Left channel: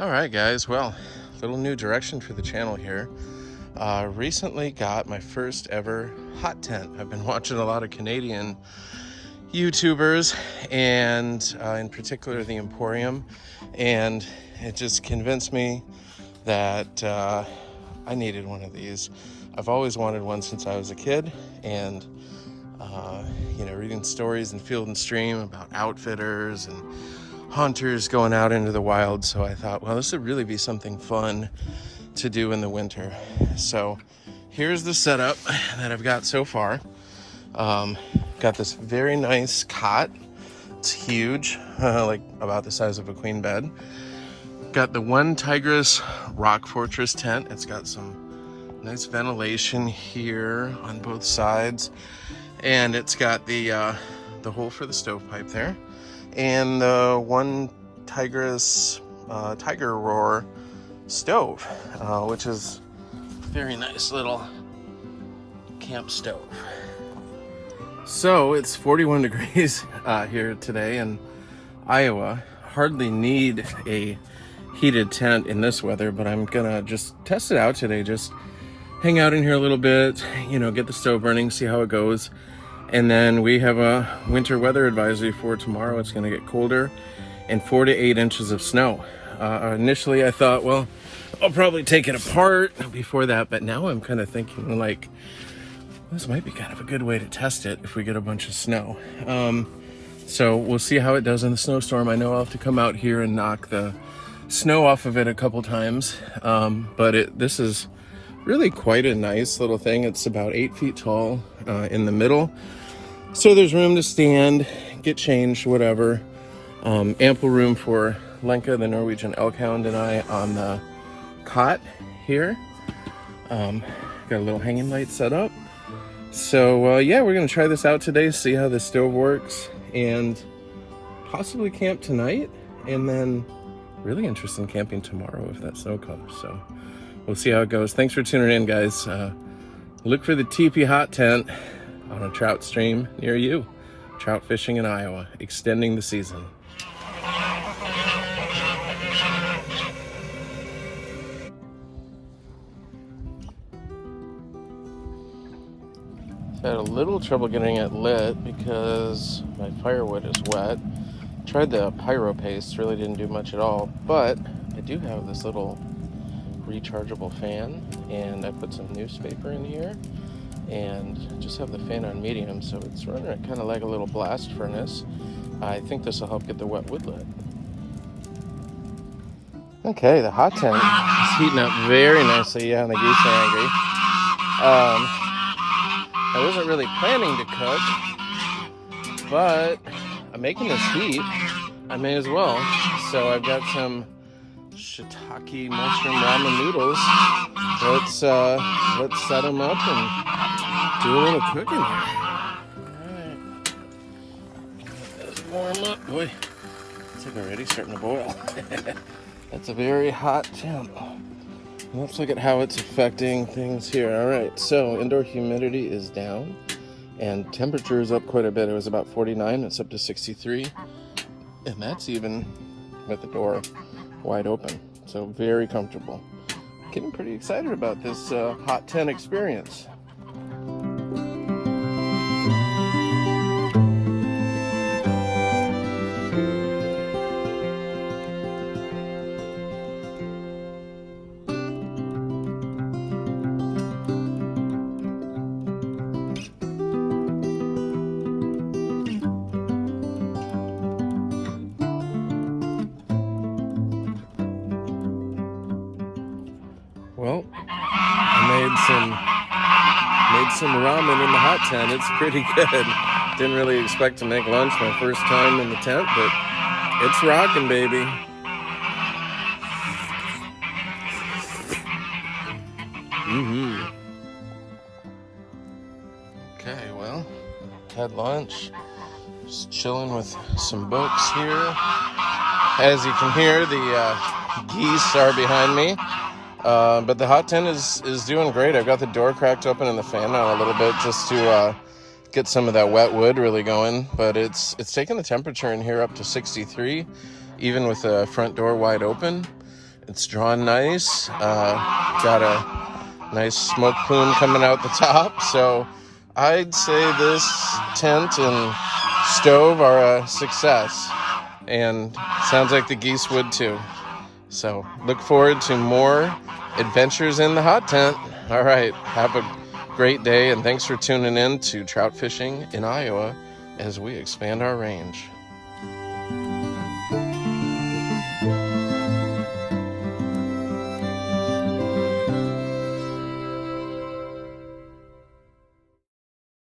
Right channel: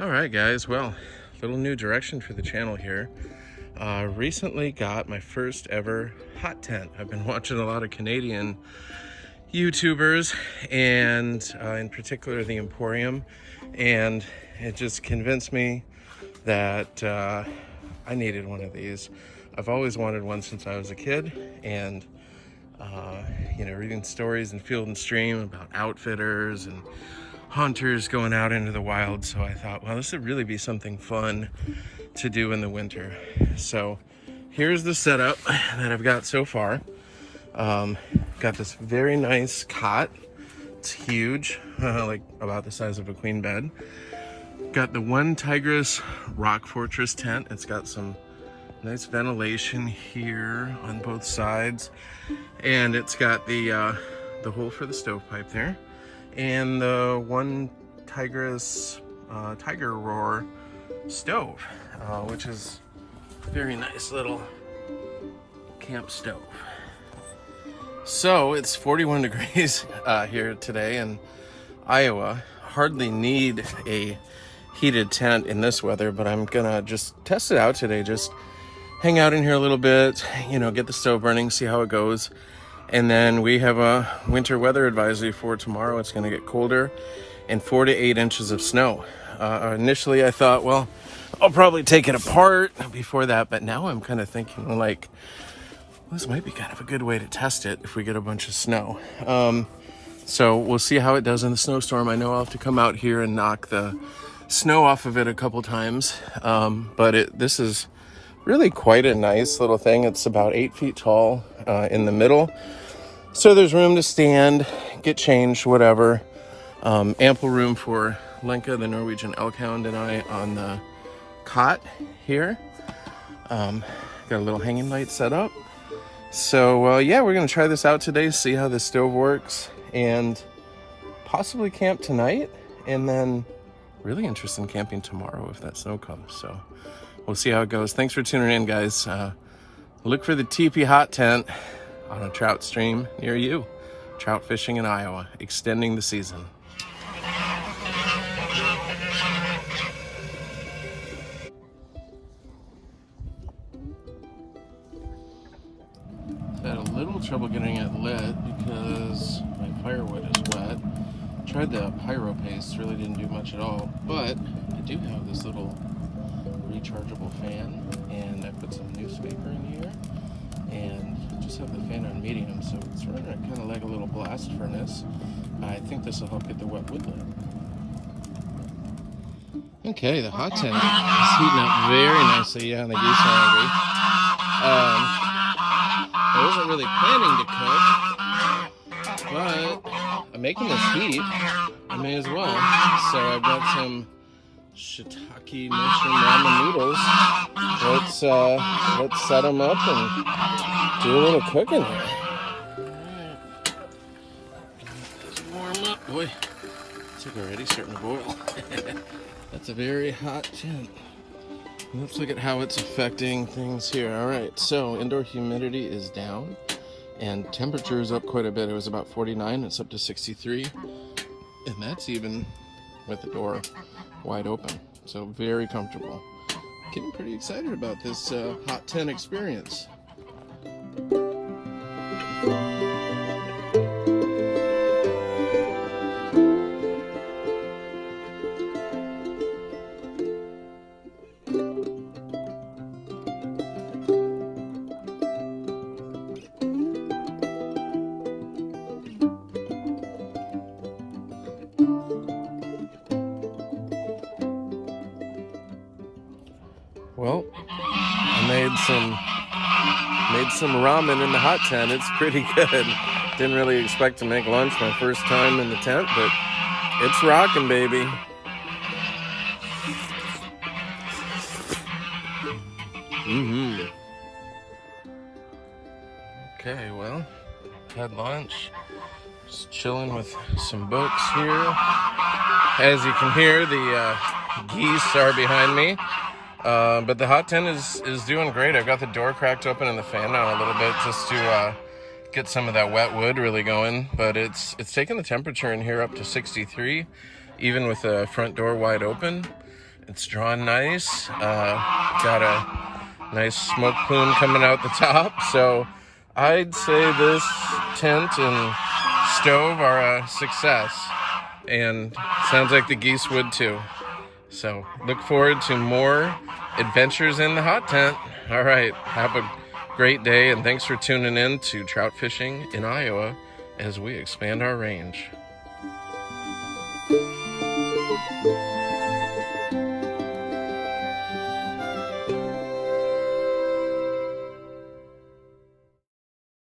All right, guys. Well, little new direction for the channel here. Recently got my first ever hot tent. I've been watching a lot of Canadian YouTubers and in particular the Emporium, and it just convinced me that I needed one of these. I've always wanted one since I was a kid, and reading stories in Field and Stream about outfitters and hunters going out into the wild. So I thought, well, this would really be something fun to do in the winter. So here's the setup that I've got so far. Got this very nice cot. It's huge, like about the size of a queen bed. Got the OneTigris Rock Fortress tent. It's got some nice ventilation here on both sides, and it's got the hole for the stovepipe there, and the OneTigris Tiger Roar stove, which is a very nice little camp stove. So it's 41 degrees here today in Iowa. Hardly need a heated tent in this weather, but I'm gonna just test it out today. Just hang out in here a little bit, get the stove burning, see how it goes. And then we have a winter weather advisory for tomorrow. It's gonna get colder and 4 to 8 inches of snow. Initially I thought, well, I'll probably take it apart before that, but now I'm kind of thinking like, this might be kind of a good way to test it if we get a bunch of snow. So we'll see how it does in the snowstorm. I know I'll have to come out here and knock the snow off of it a couple times, but this is really quite a nice little thing. It's about 8 feet tall in the middle, so there's room to stand, get changed, whatever. Ample room for Lenka, the Norwegian elk hound, and I on the cot here. Got a little hanging light set up. So yeah, we're gonna try this out today, see how the stove works, and possibly camp tonight, and then really interested in camping tomorrow if that snow comes. So we'll see how it goes. Thanks for tuning in, guys. Look for the tipi hot tent on a trout stream near you. Trout fishing in Iowa, extending the season. I've had a little trouble getting it lit because my firewood is wet. Tried the pyro paste, really didn't do much at all, but I do have this little rechargeable fan, and I put some newspaper in here and just have the fan on medium, so it's running kind of like a little blast furnace. I think this will help get the wet wood lit. Okay, the hot tent is heating up very nicely. Yeah, the geese are angry. I wasn't really planning to cook, but I'm making this heat, I may as well. So I've got some shiitake mushroom ramen noodles. Let's set them up and do a little cooking here. Let's warm up. Boy, it's like already starting to boil. That's a very hot temp. Let's look at how it's affecting things here. All right, so indoor humidity is down and temperature is up quite a bit. It was about 49, it's up to 63. And that's even with the door wide open. So very comfortable. Getting pretty excited about this hot tent experience. Well, I made some ramen in the hot tent. It's pretty good. Didn't really expect to make lunch my first time in the tent, but it's rocking, baby. Okay, well, had lunch. Just chilling with some books here. As you can hear, the geese are behind me. But the hot tent is doing great. I've got the door cracked open and the fan on a little bit just to get some of that wet wood really going. But it's taking the temperature in here up to 63, even with the front door wide open. It's drawn nice. Got a nice smoke plume coming out the top. So I'd say this tent and stove are a success. And sounds like the geese would too. So look forward to more adventures in the hot tent. All right, have a great day, and thanks for tuning in to Trout Fishing in Iowa as we expand our range.